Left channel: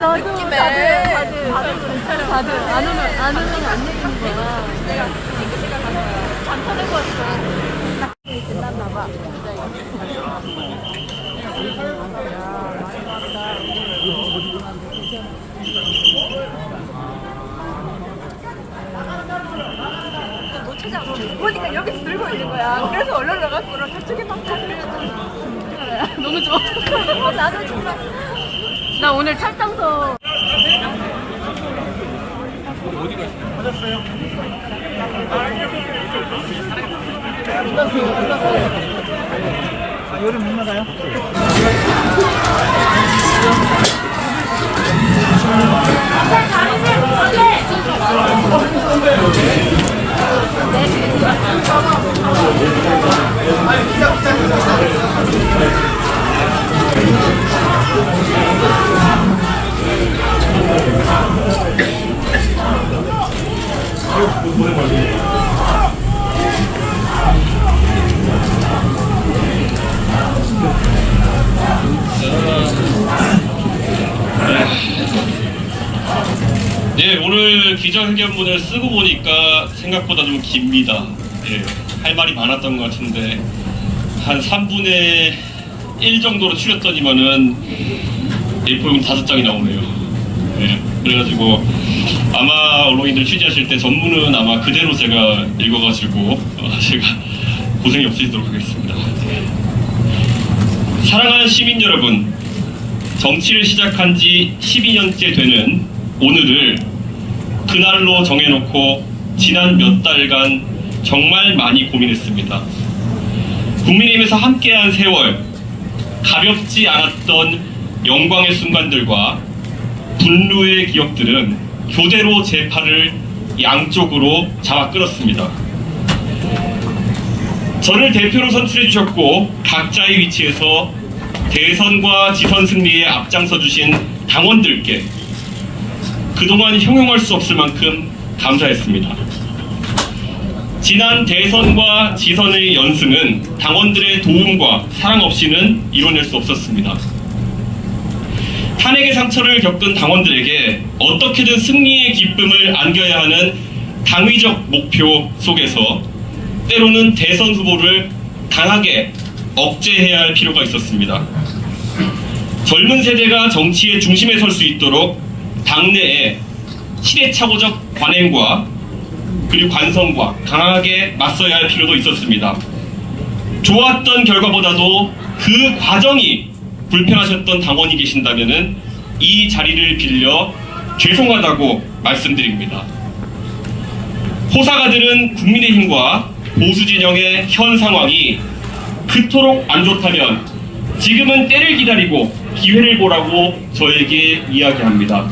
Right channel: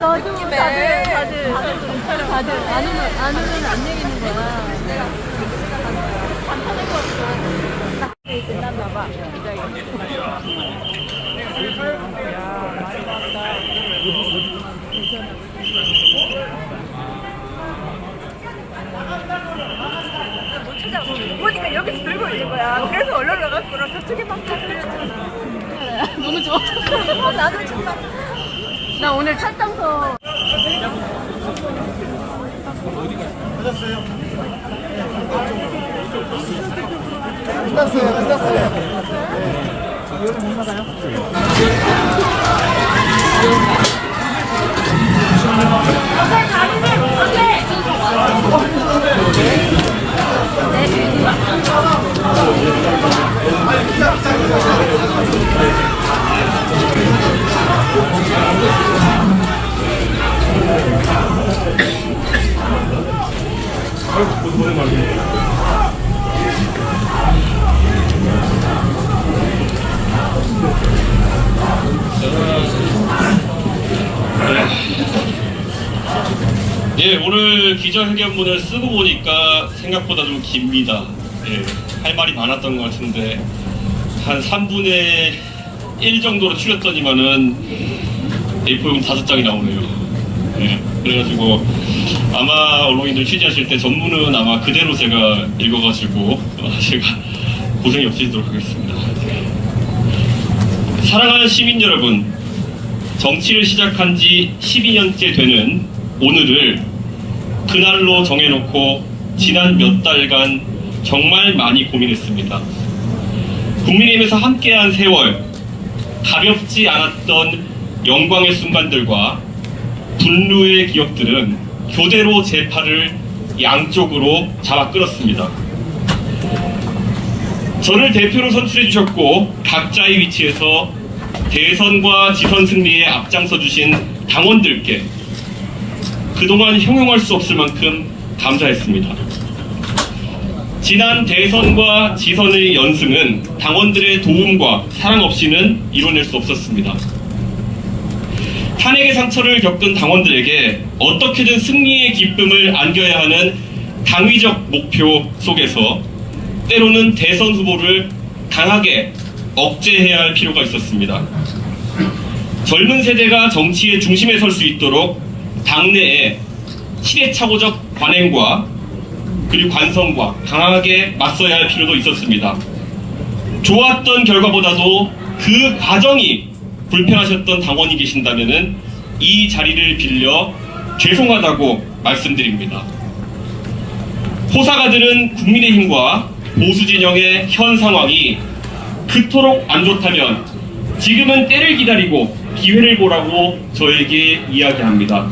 나도 다들 안 오면 안 내리는 거야. 내가 생각한 거야. 잠깐에 왔어. 끝났나 봐. 보니까 여기서 들고 있는 거야. 그래서 얼른 나갔어. 저쪽에 막 다 들렸잖아. 너무 좋아. 나도 정말. 나 오늘 찰당서. 고생 많으세요. 네, 오늘 기자회견문을 쓰고 보니까 생각보다 좀 깁니다. 네, 할 말이 많았던 것 같은데 한 3분의 1 정도로 줄였더니만은 A4용 5장이 나오네요. 네, 그래가지고 아마 언론인들 취재하실 때 전문은 아마 그대로 제가 읽어가지고 제가 고생이 없으시도록 하겠습니다. 사랑하는 시민 여러분, 정치를 시작한 지 12년째 되는 오늘을 그날로 정해놓고 지난 몇 달간 정말 많이 고민했습니다. 국민의힘에서 함께한 세월, 가볍지 않았던 영광의 순간들과 분노의 기억들은 교대로 제 팔을 양쪽으로 잡아 끌었습니다. 저를 대표로 선출해 주셨고 각자의 위치에서 대선과 지선 승리에 앞장서 주신 당원들께 그동안 형용할 수 없을 만큼 감사했습니다. 지난 대선과 지선의 연승은 당원들의 도움과 사랑 없이는 이뤄낼 수 없었습니다. 탄핵의 상처를 겪은 당원들에게 어떻게든 승리의 기쁨을 안겨야 하는 당위적 목표 속에서 때로는 대선 후보를 강하게 억제해야 할 필요가 있었습니다. 젊은 세대가 정치의 중심에 설 수 있도록 당내에 시대착오적 관행과 그리고 관성과 강하게 맞서야 할 필요도 있었습니다. 좋았던 결과보다도 그 과정이 불편하셨던 당원이 계신다면 이 자리를 빌려 죄송하다고 말씀드립니다. 호사가 드는 국민의힘과 보수진영의 현 상황이 그토록 안 좋다면 지금은 때를 기다리고 기회를 보라고 저에게 이야기합니다.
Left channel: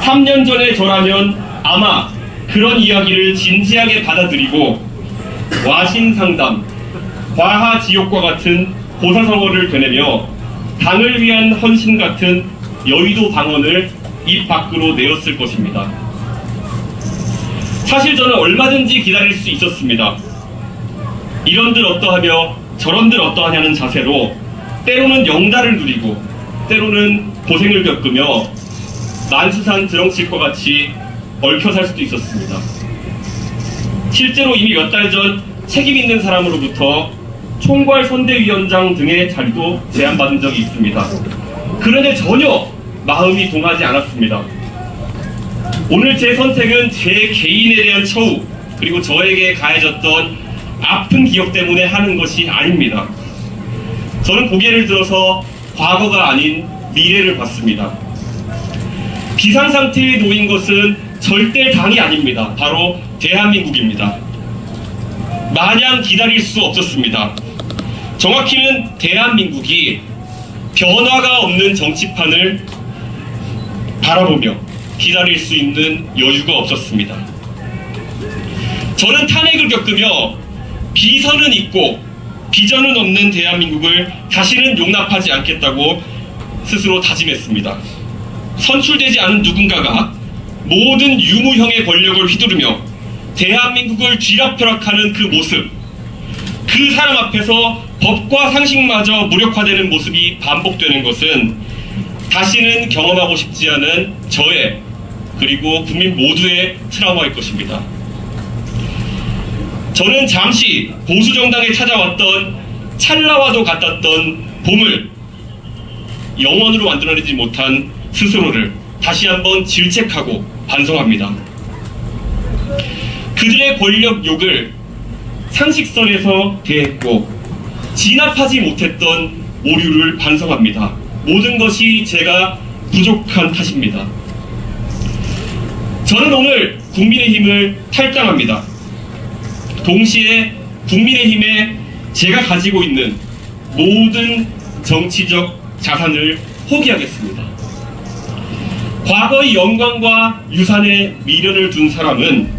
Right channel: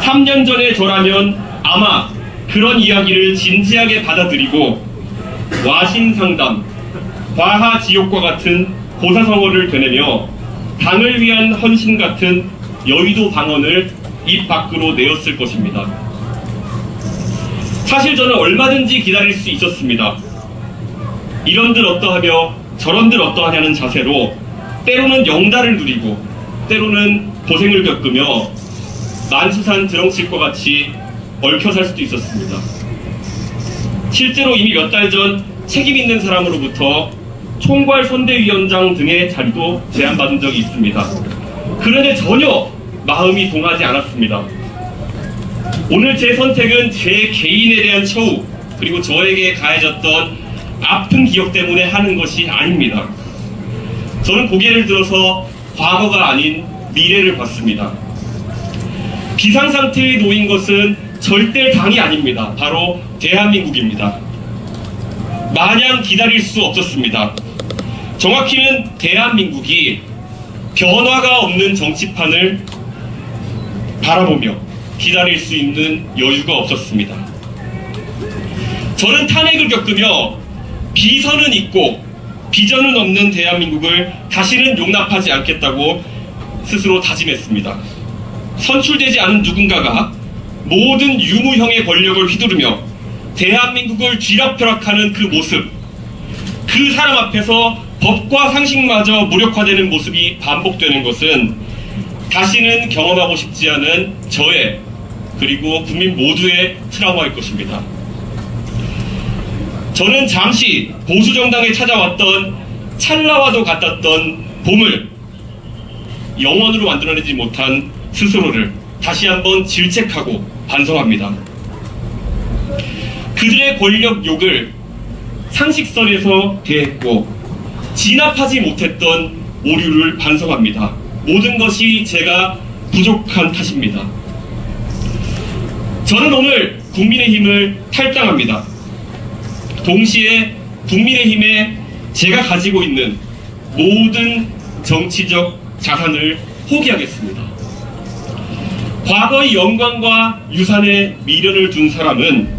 3년 전에 저라면 아마 그런 이야기를 진지하게 받아들이고 와신상담, 과하지옥과 같은 고사성어를 되내며 당을 위한 헌신 같은 여의도 방언을 입 밖으로 내었을 것입니다. 사실 저는 얼마든지 기다릴 수 있었습니다. 이런들 어떠하며 저런들 어떠하냐는 자세로 때로는 영달을 누리고 때로는 고생을 겪으며 만수산 드렁칠과 같이 얽혀 살 수도 있었습니다. 실제로 이미 몇 달 전 책임 있는 사람으로부터 총괄 선대위원장 등의 자리도 제안받은 적이 있습니다. 그런데 전혀 마음이 동하지 않았습니다. 오늘 제 선택은 제 개인에 대한 처우 그리고 저에게 가해졌던 아픈 기억 때문에 하는 것이 아닙니다. 저는 고개를 들어서 과거가 아닌 미래를 봤습니다. 비상상태에 놓인 것은 절대 당이 아닙니다. 바로 대한민국입니다. 마냥 기다릴 수 없었습니다. 정확히는 대한민국이 변화가 없는 정치판을 바라보며 기다릴 수 있는 여유가 없었습니다. 저는 탄핵을 겪으며 비선은 있고 비전은 없는 대한민국을 다시는 용납하지 않겠다고 스스로 다짐했습니다. 선출되지 않은 누군가가 모든 유무형의 권력을 휘두르며 대한민국을 쥐락펴락하는 그 모습, 그 사람 앞에서 법과 상식마저 무력화되는 모습이 반복되는 것은 다시는 경험하고 싶지 않은 저의 그리고 국민 모두의 트라우마일 것입니다. 저는 잠시 보수정당에 찾아왔던 찰나와도 같았던 봄을 영원으로 만들어내지 못한 스스로를 다시 한번 질책하고 반성합니다. 그들의 권력 욕을 상식선에서 대했고 진압하지 못했던 오류를 반성합니다. 모든 것이 제가 부족한 탓입니다. 저는 오늘 국민의힘을 탈당합니다. 동시에 국민의힘에 제가 가지고 있는 모든 정치적 자산을 포기하겠습니다. 과거의 영광과 유산에 미련을 둔 사람은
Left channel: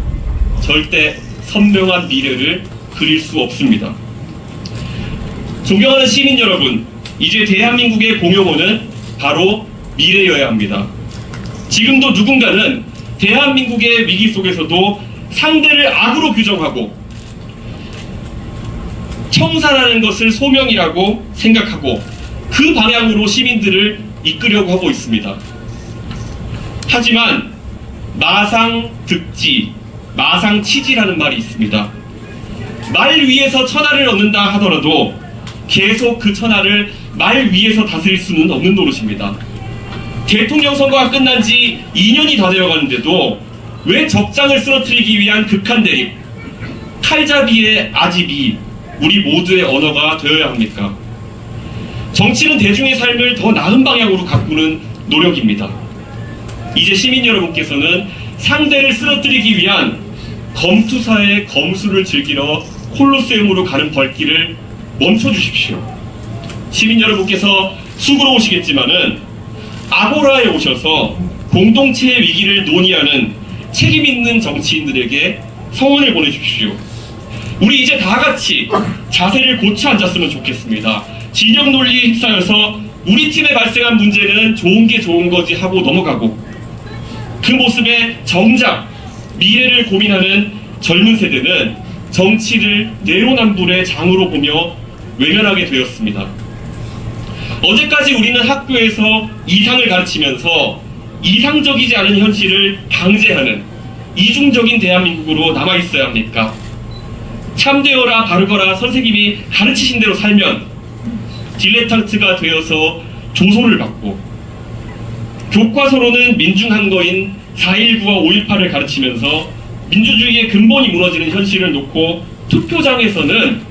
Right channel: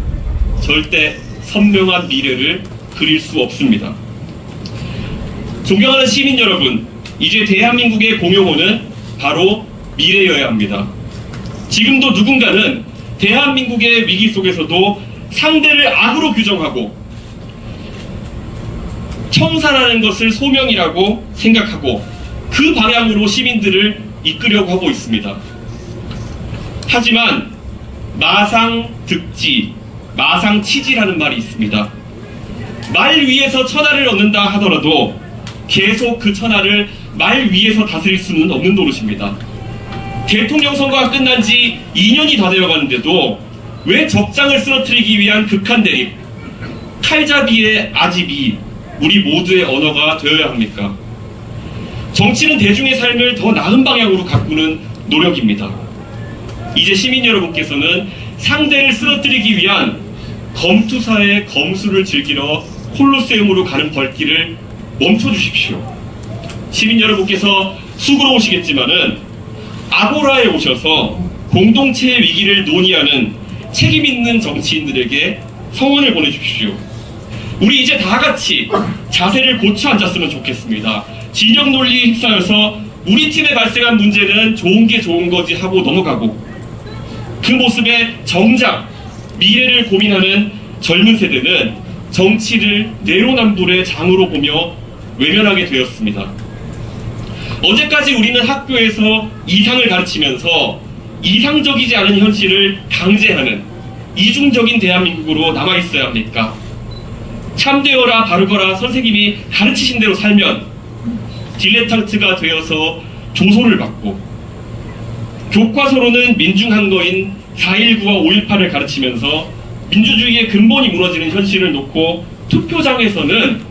절대 선명한 미래를 그릴 수 없습니다. 존경하는 시민 여러분, 이제 대한민국의 공용어는 바로 미래여야 합니다. 지금도 누군가는 대한민국의 위기 속에서도 상대를 악으로 규정하고 청산하는 것을 소명이라고 생각하고 그 방향으로 시민들을 이끌려고 하고 있습니다. 하지만 마상득지, 마상치지라는 말이 있습니다. 말 위에서 천하를 얻는다 하더라도 계속 그 천하를 말 위에서 다스릴 수는 없는 노릇입니다. 대통령 선거가 끝난 지 2년이 다 되어가는데도 왜 적장을 쓰러뜨리기 위한 극한 대립, 칼잡이의 아집이 우리 모두의 언어가 되어야 합니까? 정치는 대중의 삶을 더 나은 방향으로 가꾸는 노력입니다. 이제 시민 여러분께서는 상대를 쓰러뜨리기 위한 검투사의 검수를 즐기러 콜로세움으로 가는 발길을 멈춰주십시오. 시민 여러분께서 수고로 오시겠지만은 아고라에 오셔서 공동체의 위기를 논의하는 책임 있는 정치인들에게 성원을 보내주십시오. 우리 이제 다 같이 자세를 고쳐 앉았으면 좋겠습니다. 진영 논리에 휩싸여서 우리 팀에 발생한 문제는 좋은 게 좋은 거지 하고 넘어가고 그 모습에 정작 미래를 고민하는 젊은 세대는 정치를 내로남불의 장으로 보며 외면하게 되었습니다. 어제까지 우리는 학교에서 이상을 가르치면서 이상적이지 않은 현실을 강제하는 이중적인 대한민국으로 남아있어야 합니까? 참되어라 바르거라 선생님이 가르치신 대로 살면 딜레탄트가 되어서 조소를 받고 교과서로는 민중한거인 4.19와 5.18을 가르치면서 민주주의의 근본이 무너지는 현실을 놓고 투표장에서는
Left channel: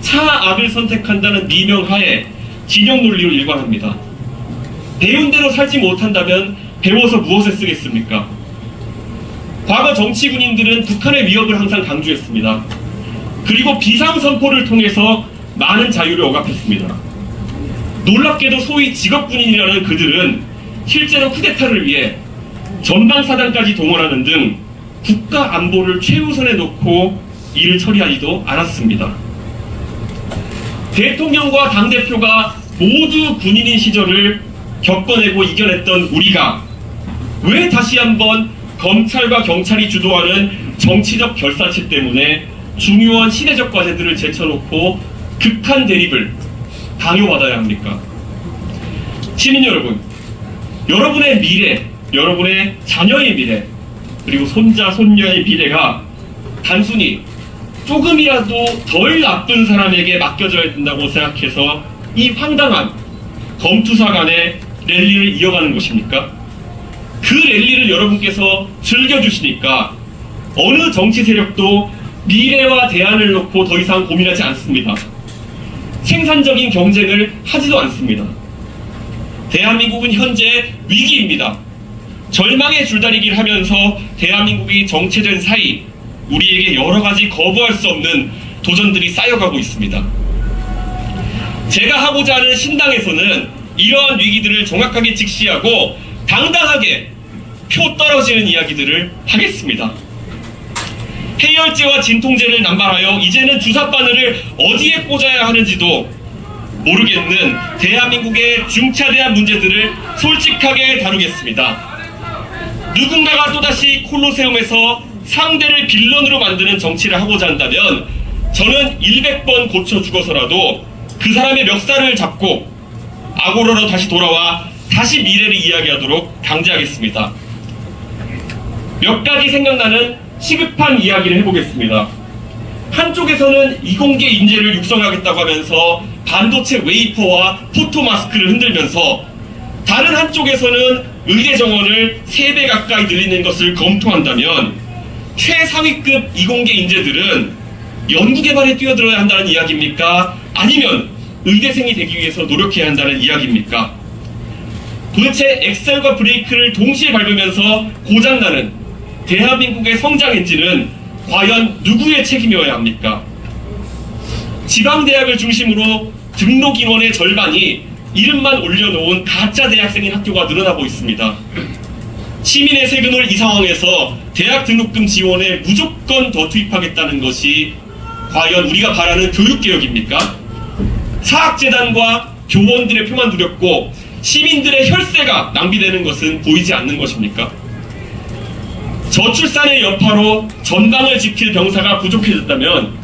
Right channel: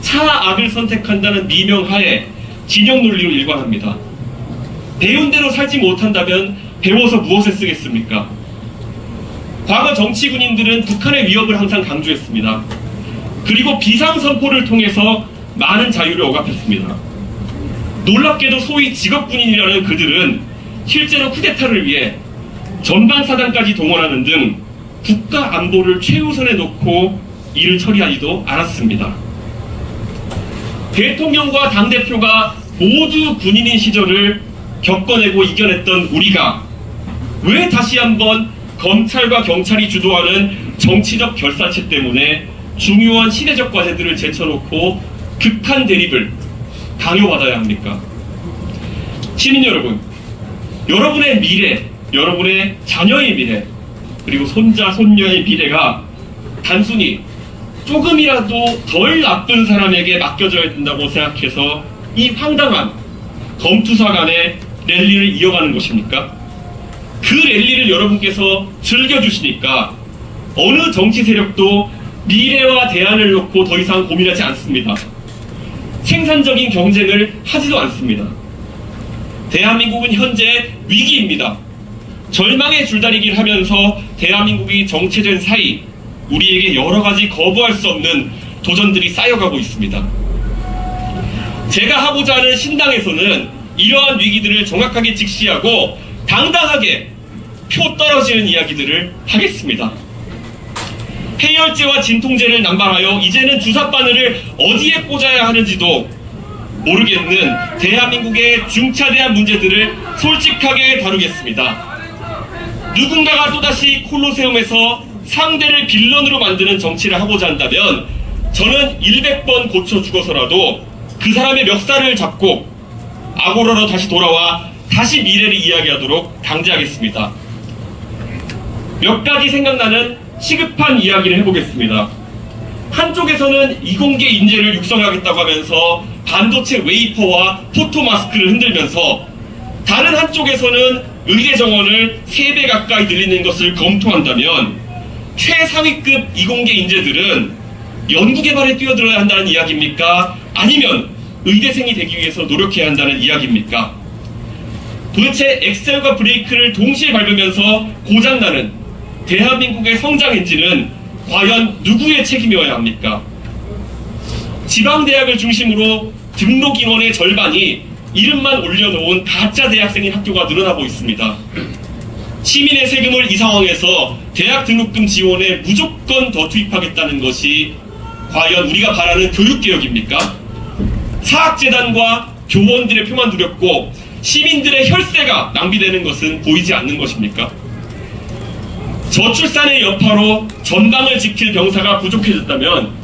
차악을 선택한다는 미명하에 진영 논리로 일관합니다. 배운 대로 살지 못한다면 배워서 무엇에 쓰겠습니까? 과거 정치 군인들은 북한의 위협을 항상 강조했습니다. 그리고 비상선포를 통해서 많은 자유를 억압했습니다. 놀랍게도 소위 직업군인이라는 그들은 실제로 쿠데타를 위해 전방사단까지 동원하는 등 국가 안보를 최우선에 놓고 일을 처리하지도 않았습니다. 대통령과 당대표가 모두 군인인 시절을 겪어내고 이겨냈던 우리가 왜 다시 한번 검찰과 경찰이 주도하는 정치적 결사체 때문에 중요한 시대적 과제들을 제쳐놓고 극한 대립을 강요받아야 합니까? 시민 여러분, 여러분의 미래, 여러분의 자녀의 미래, 그리고 손자, 손녀의 미래가 단순히 조금이라도 덜 나쁜 사람에게 맡겨져야 된다고 생각해서 이 황당한 검투사 간의 랠리를 이어가는 것입니까? 그 랠리를 여러분께서 즐겨주시니까 어느 정치 세력도 미래와 대안을 놓고 더 이상 고민하지 않습니다. 생산적인 경쟁을 하지도 않습니다. 대한민국은 현재 위기입니다. 절망의 줄다리기를 하면서 대한민국이 정체된 사이 우리에게 여러 가지 거부할 수 없는 도전들이 쌓여가고 있습니다. 제가 하고자 하는 신당에서는 이러한 위기들을 정확하게 직시하고 당당하게 표 떨어지는 이야기들을 하겠습니다. 해열제와 진통제를 남발하여 이제는 주사바늘을 어디에 꽂아야 하는지도 모르겠는 대한민국의 중차대한 문제들을 솔직하게 다루겠습니다. 누군가가 또다시 콜로세움에서 상대를 빌런으로 만드는 정치를 하고자 한다면 저는 100번 고쳐 죽어서라도 그 사람의 멱살을 잡고 아고라로 다시 돌아와 다시 미래를 이야기하도록 강제하겠습니다. 몇 가지 생각나는 시급한 이야기를 해보겠습니다. 한쪽에서는 이공계 인재를 육성하겠다고 하면서 반도체 웨이퍼와 포토마스크를 흔들면서 다른 한쪽에서는 의대 정원을 3배 가까이 늘리는 것을 검토한다면 최상위급 이공계 인재들은 연구개발에 뛰어들어야 한다는 이야기입니까? 아니면 의대생이 되기 위해서 노력해야 한다는 이야기입니까? 도대체 엑셀과 브레이크를 동시에 밟으면서 고장나는 대한민국의 성장 엔진은 과연 누구의 책임이어야 합니까? 지방대학을 중심으로 등록 인원의 절반이 이름만 올려놓은 가짜 대학생의 학교가 늘어나고 있습니다. 시민의 세금을 이 상황에서 대학 등록금 지원에 무조건 더 투입하겠다는 것이 과연 우리가 바라는 교육개혁입니까? 사학재단과 교원들의 표만 두렵고 시민들의 혈세가 낭비되는 것은 보이지 않는 것입니까? 저출산의 여파로 전방을 지킬 병사가 부족해졌다면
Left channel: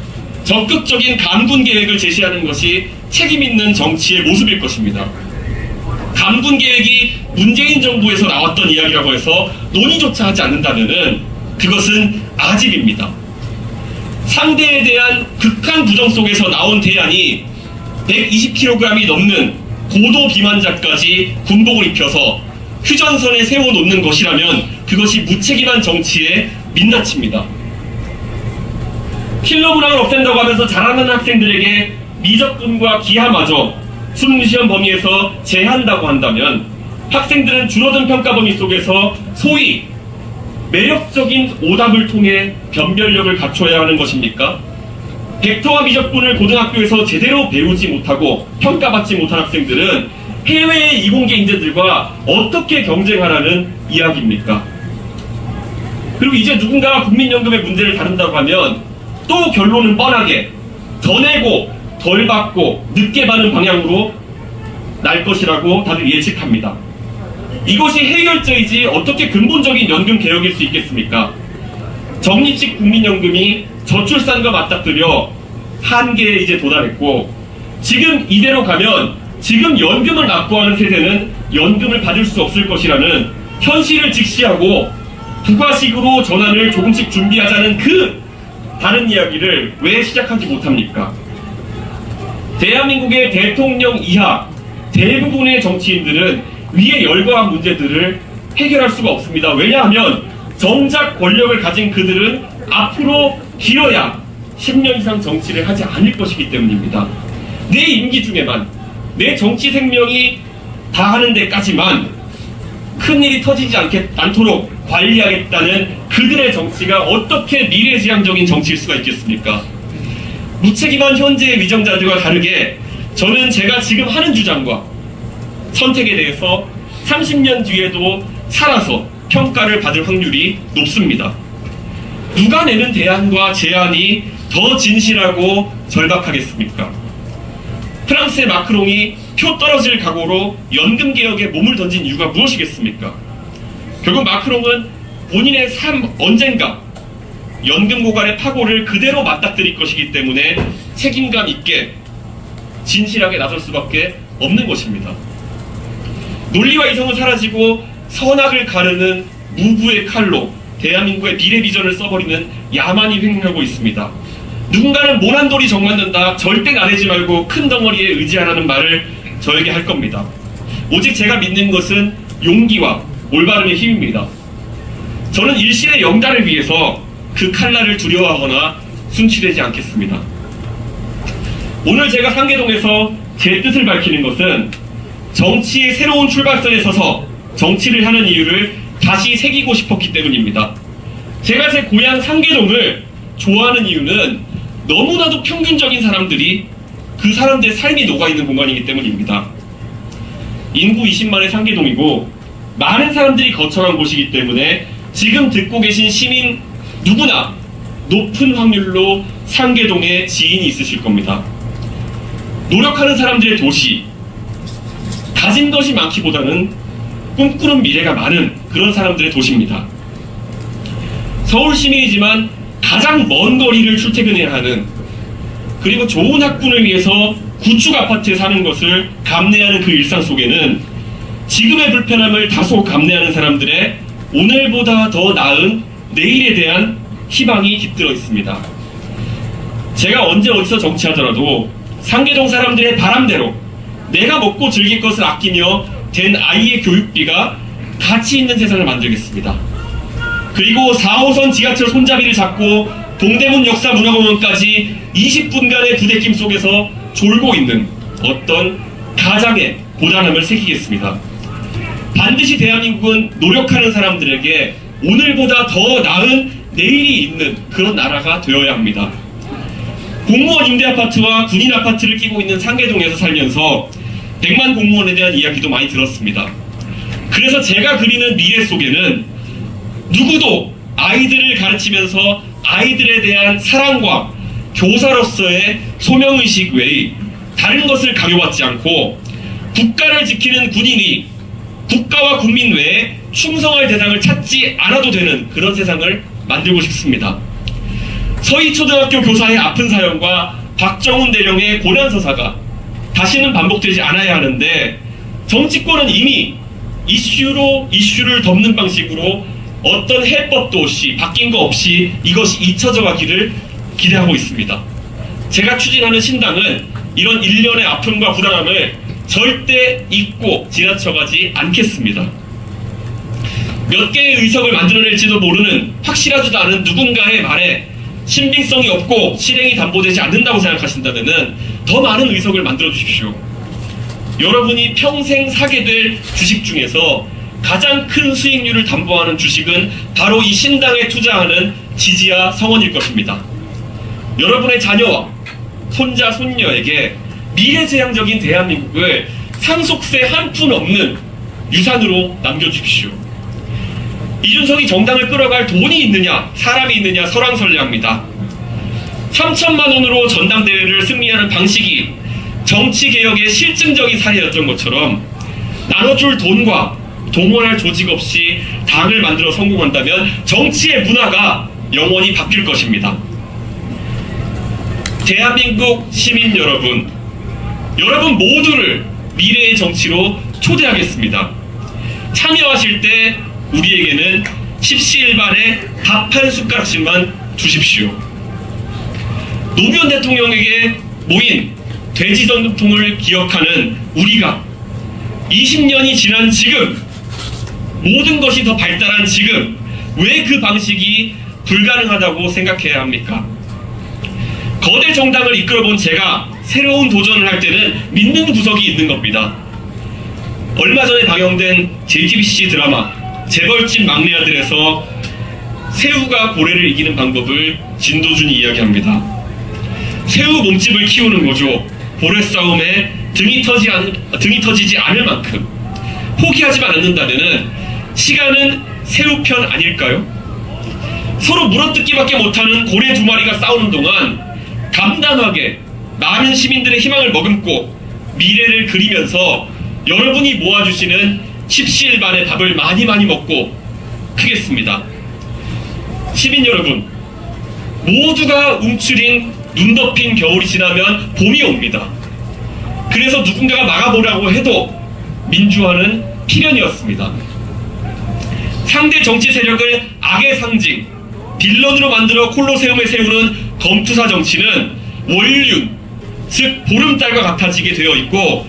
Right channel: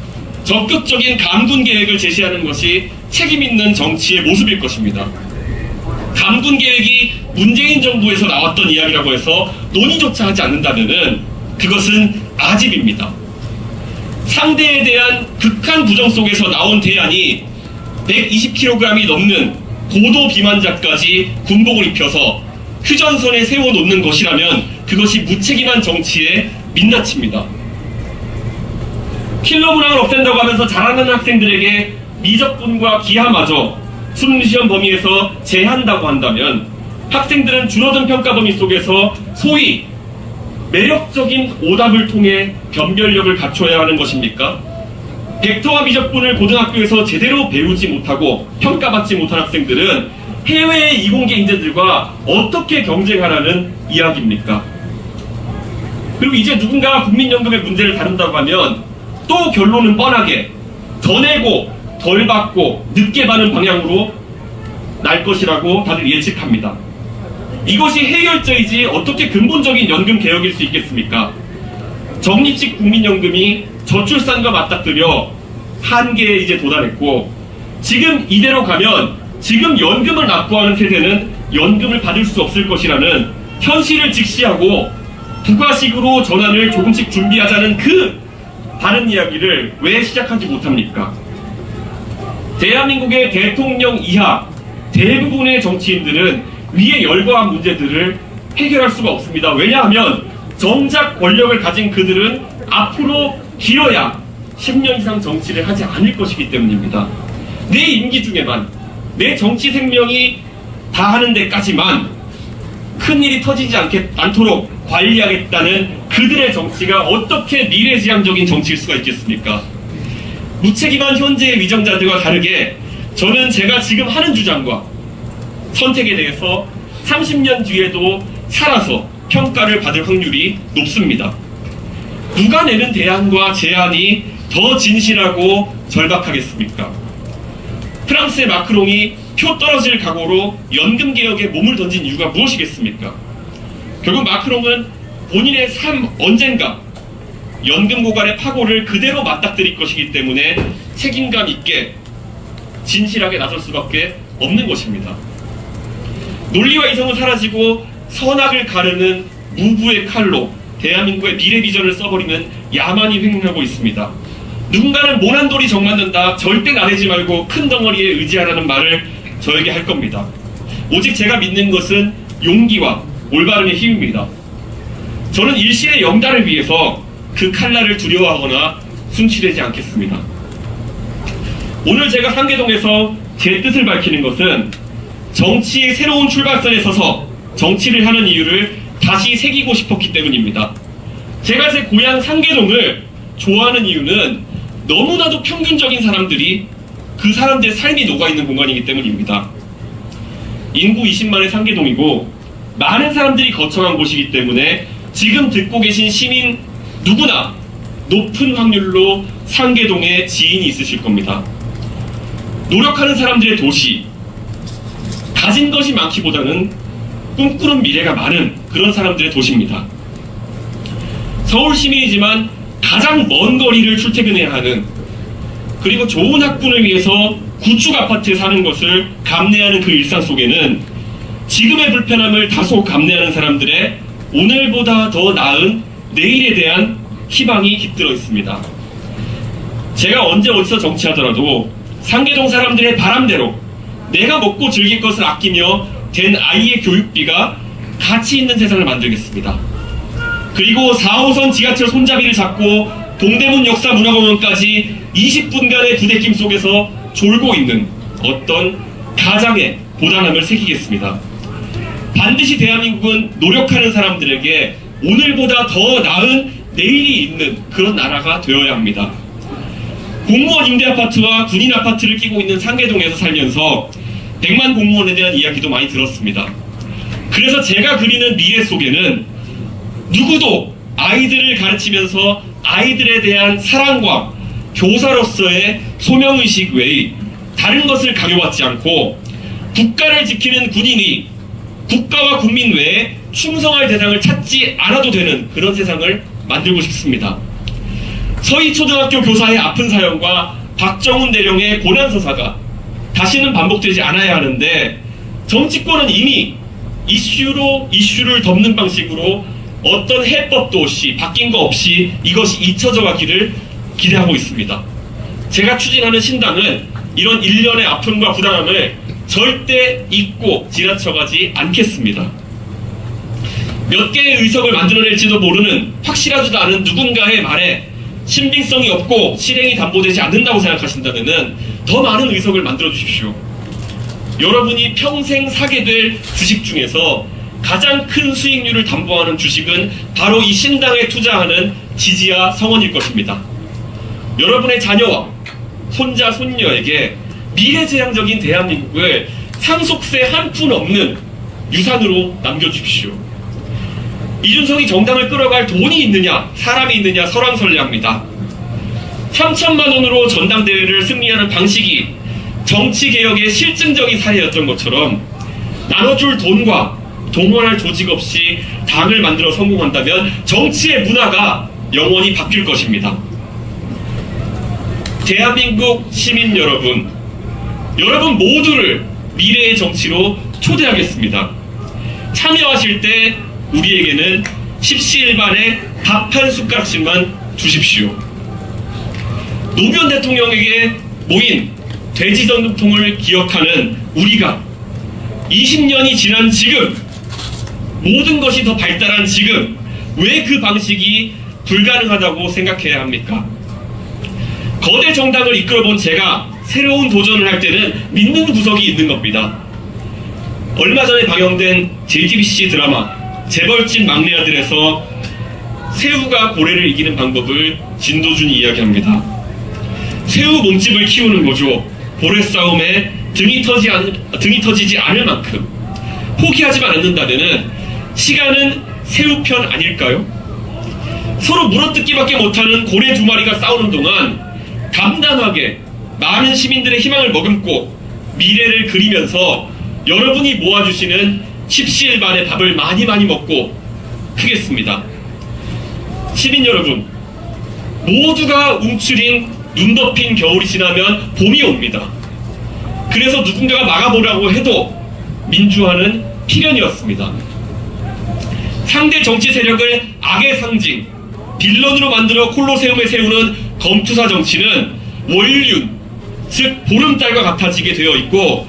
적극적인 감군 계획을 제시하는 것이 책임있는 정치의 모습일 것입니다. 감군 계획이 문재인 정부에서 나왔던 이야기라고 해서 논의조차 하지 않는다면 그것은 아집입니다. 상대에 대한 극한 부정 속에서 나온 대안이 120kg이 넘는 고도 비만자까지 군복을 입혀서 휴전선에 세워놓는 것이라면 그것이 무책임한 정치의 민낯입니다. 킬러브랑을 없앤다고 하면서 자랑하는 학생들에게 미적분과 기하마저 수능시험 범위에서 제한다고 한다면 학생들은 줄어든 평가 범위 속에서 소위 매력적인 오답을 통해 변별력을 갖춰야 하는 것입니까? 벡터와 미적분을 고등학교에서 제대로 배우지 못하고 평가받지 못한 학생들은 해외의 이공계 인재들과 어떻게 경쟁하라는 이야기입니까? 그리고 이제 누군가가 국민연금의 문제를 다룬다고 하면 또 결론은 뻔하게 더 내고 덜 받고 늦게 받는 방향으로 날 것이라고 다들 예측합니다. 이것이 해결제이지 어떻게 근본적인 연금 개혁일 수 있겠습니까? 적립식 국민연금이 저출산과 맞닥뜨려 한계에 이제 도달했고 지금 이대로 가면 지금 연금을 납부하는 세대는 연금을 받을 수 없을 것이라는 현실을 직시하고 부가식으로 전환을 조금씩 준비하자는 그 다른 이야기를 왜 시작하지 못합니까? 대한민국의 대통령 이하 대부분의 정치인들은 위에 열거한 문제들을 해결할 수가 없습니다. 왜냐하면 정작 권력을 가진 그들은 앞으로 길어야 10년 이상 정치를 하지 않을 것이기 때문입니다. 내 임기 중에만 내 정치 생명이 다하는 데까지만 큰일이 터지지 않도록 관리하겠다는 그들의 정치가 어떻게 미래지향적인 정치일 수가 있겠습니까? 무책임한 현재의 위정자들과 다르게 저는 제가 지금 하는 주장과 선택에 대해서 30년 뒤에도 살아서 평가를 받을 확률이 높습니다. 누가 내는 대안과 제안이 더 진실하고 절박하겠습니까? 프랑스의 마크롱이 표 떨어질 각오로 연금개혁에 몸을 던진 이유가 무엇이겠습니까? 결국 마크롱은 본인의 삶 언젠가 연금 고갈의 파고를 그대로 맞닥뜨릴 것이기 때문에 책임감 있게 진실하게 나설 수밖에 없는 것입니다. 논리와 이성은 사라지고 선악을 가르는 무부의 칼로 대한민국의 미래 비전을 써버리는 야만이 횡행하고 있습니다. 누군가는 모난돌이 정맞는다, 절대 나대지 말고 큰 덩어리에 의지하라는 말을 저에게 할 겁니다. 오직 제가 믿는 것은 용기와 올바름의 힘입니다. 저는 일시의 영달을 위해서 그 칼날을 두려워하거나 숨치되지 않겠습니다. 오늘 제가 상계동에서 제 뜻을 밝히는 것은 정치의 새로운 출발선에 서서 정치를 하는 이유를 다시 새기고 싶었기 때문입니다. 제가 제 고향 상계동을 좋아하는 이유는 너무나도 평균적인 사람들이 그 사람들의 삶이 녹아있는 공간이기 때문입니다. 인구 20만의 상계동이고 많은 사람들이 거처한 곳이기 때문에 지금 듣고 계신 시민 누구나 높은 확률로 상계동에 지인이 있으실 겁니다. 노력하는 사람들의 도시, 가진 것이 많기보다는 꿈꾸는 미래가 많은 그런 사람들의 도시입니다. 서울 시민이지만 가장 먼 거리를 출퇴근해야 하는, 그리고 좋은 학군을 위해서 구축 아파트에 사는 것을 감내하는 그 일상 속에는 지금의 불편함을 다소 감내하는 사람들의 오늘보다 더 나은 내일에 대한 희망이 깃들어 있습니다. 제가 언제 어디서 정치하더라도 상계동 사람들의 바람대로 내가 먹고 즐길 것을 아끼며 된 아이의 교육비가 가치 있는 세상을 만들겠습니다. 그리고 4호선 지하철 손잡이를 잡고 동대문 역사문화공원까지 20분간의 부대낌 속에서 졸고 있는 어떤 가장의 고단함을 새기겠습니다. 반드시 대한민국은 노력하는 사람들에게 오늘보다 더 나은 내일이 있는 그런 나라가 되어야 합니다. 공무원 임대아파트와 군인 아파트를 끼고 있는 상계동에서 살면서 100만 공무원에 대한 이야기도 많이 들었습니다. 그래서 제가 그리는 미래 속에는 누구도 아이들을 가르치면서 아이들에 대한 사랑과 교사로서의 소명의식 외에 다른 것을 강요받지 않고 국가를 지키는 군인이 국가와 국민 외에 충성할 대상을 찾지 않아도 되는 그런 세상을 만들고 싶습니다. 서희초등학교 교사의 아픈 사연과 박정훈 대령의 고난서사가 다시는 반복되지 않아야 하는데 정치권은 이미 이슈를 덮는 방식으로 어떤 해법도 없이 바뀐 거 없이 이것이 잊혀져 가기를 기대하고 있습니다. 제가 추진하는 신당은 이런 일련의 아픔과 불안함을 절대 잊고 지나쳐가지 않겠습니다. 몇 개의 의석을 만들어낼지도 모르는 확실하지도 않은 누군가의 말에 신빙성이 없고 실행이 담보되지 않는다고 생각하신다면 더 많은 의석을 만들어 주십시오. 여러분이 평생 사게 될 주식 중에서 가장 큰 수익률을 담보하는 주식은 바로 이 신당에 투자하는 지지와 성원일 것입니다. 여러분의 자녀와 손자, 손녀에게 미래지향적인 대한민국을 상속세 한 푼 없는 유산으로 남겨주십시오. 이준석이 정당을 끌어갈 돈이 있느냐, 사람이 있느냐 설왕설래합니다. 3천만 원으로 전당대회를 승리하는 방식이 정치개혁의 실증적인 사례였던 것처럼 나눠줄 돈과 동원할 조직 없이 당을 만들어 성공한다면 정치의 문화가 영원히 바뀔 것입니다. 대한민국 시민 여러분 모두를 미래의 정치로 초대하겠습니다. 참여하실 때 우리에게는 십시일반에 밥 한 숟가락씩만 주십시오. 노무현 대통령에게 모인 돼지 전통을 기억하는 우리가 20년이 지난 지금 모든 것이 더 발달한 지금 왜 그 방식이 불가능하다고 생각해야 합니까? 거대 정당을 이끌어본 제가 새로운 도전을 할 때는 믿는 구석이 있는 겁니다. 얼마 전에 방영된 JTBC 드라마 재벌집 막내 아들에서 새우가 고래를 이기는 방법을 진도준이 이야기합니다. 새우 몸집을 키우는 거죠. 고래 싸움에 등이 터지지 않을 만큼 포기하지만 않는다면 시간은 새우 편 아닐까요? 서로 물어뜯기밖에 못하는 고래 두 마리가 싸우는 동안 담담하게 많은 시민들의 희망을 머금고 미래를 그리면서 여러분이 모아주시는 십시일반의 밥을 많이 먹고 크겠습니다. 시민 여러분, 모두가 움츠린 눈 덮인 겨울이 지나면 봄이 옵니다. 그래서 누군가가 막아보라고 해도 민주화는 필연이었습니다. 상대 정치 세력을 악의 상징, 빌런으로 만들어 콜로세움에 세우는 검투사 정치는 월륜, 즉 보름달과 같아지게 되어 있고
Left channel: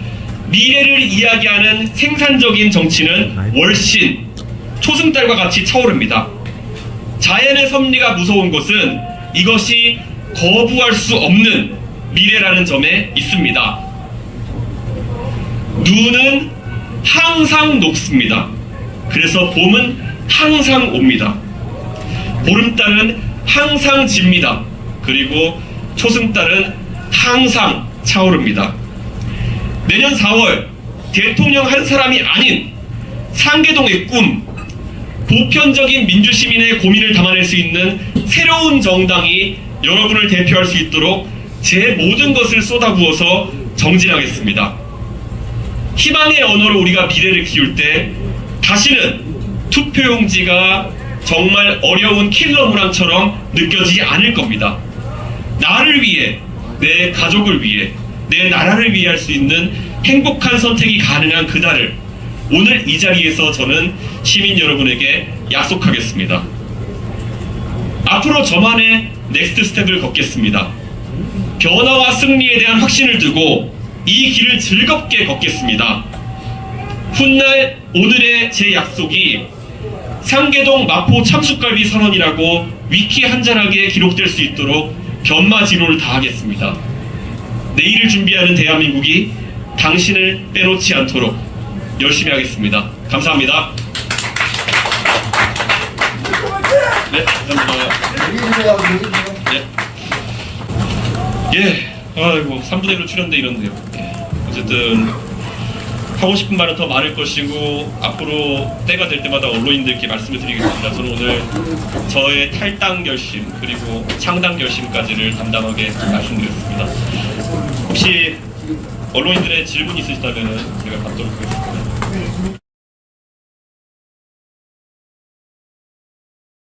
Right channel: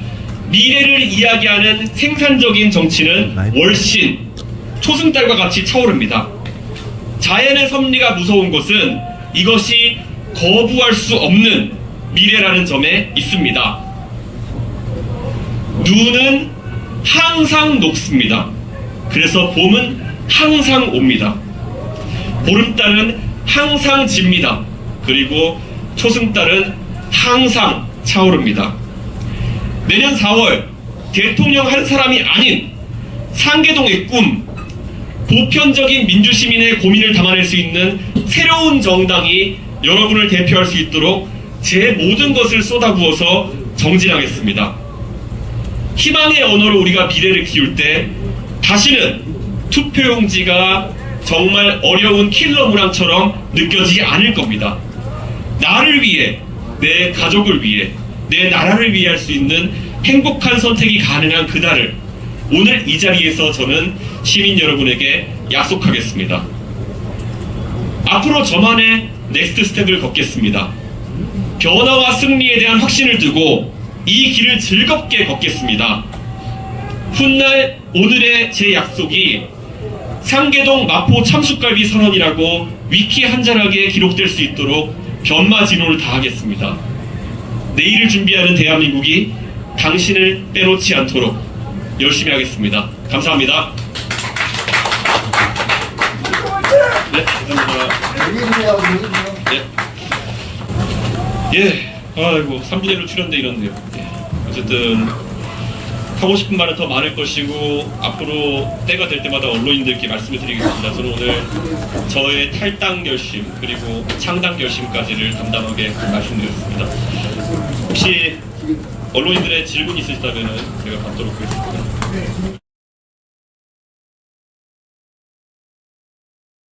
미래를 이야기하는 생산적인 정치는 월신, 초승달과 같이 차오릅니다. 자연의 섭리가 무서운 것은 이것이 거부할 수 없는 미래라는 점에 있습니다. 눈은 항상 높습니다. 그래서 봄은 항상 옵니다. 보름달은 항상 집니다. 그리고 초승달은 항상 차오릅니다. 내년 4월 대통령 한 사람이 아닌 상계동의 꿈, 보편적인 민주시민의 고민을 담아낼 수 있는 새로운 정당이 여러분을 대표할 수 있도록 제 모든 것을 쏟아부어서 정진하겠습니다. 희망의 언어로 우리가 미래를 키울 때 다시는 투표용지가 정말 어려운 킬러 문항처럼 느껴지지 않을 겁니다. 나를 위해, 내 가족을 위해, 내 나라를 위해 할 수 있는 행복한 선택이 가능한 그날을 오늘 이 자리에서 저는 시민 여러분에게 약속하겠습니다. 앞으로 저만의 넥스트 스텝을 걷겠습니다. 변화와 승리에 대한 확신을 두고 이 길을 즐겁게 걷겠습니다. 훗날 오늘의 제 약속이 상계동 마포 참숯갈비 선언이라고 위키 한자락에 기록될 수 있도록 변마지로를 다하겠습니다. 내일을 준비하는 대한민국이 당신을 빼놓지 않도록 열심히 하겠습니다. 감사합니다. 네, 감사합니다. 네. 예, 아이고 3분의 1로 출연돼 이런데요. 어쨌든 하고 싶은 말은 더 많을 것이고 앞으로 때가 될 때마다 언론인들께 말씀을 드리겠습니다. 저는 오늘 저의 탈당 결심 그리고 창당 결심까지를 담담하게 말씀드렸습니다. 혹시 언론인들의 질문 있으시다면 제가 받도록 하겠습니다.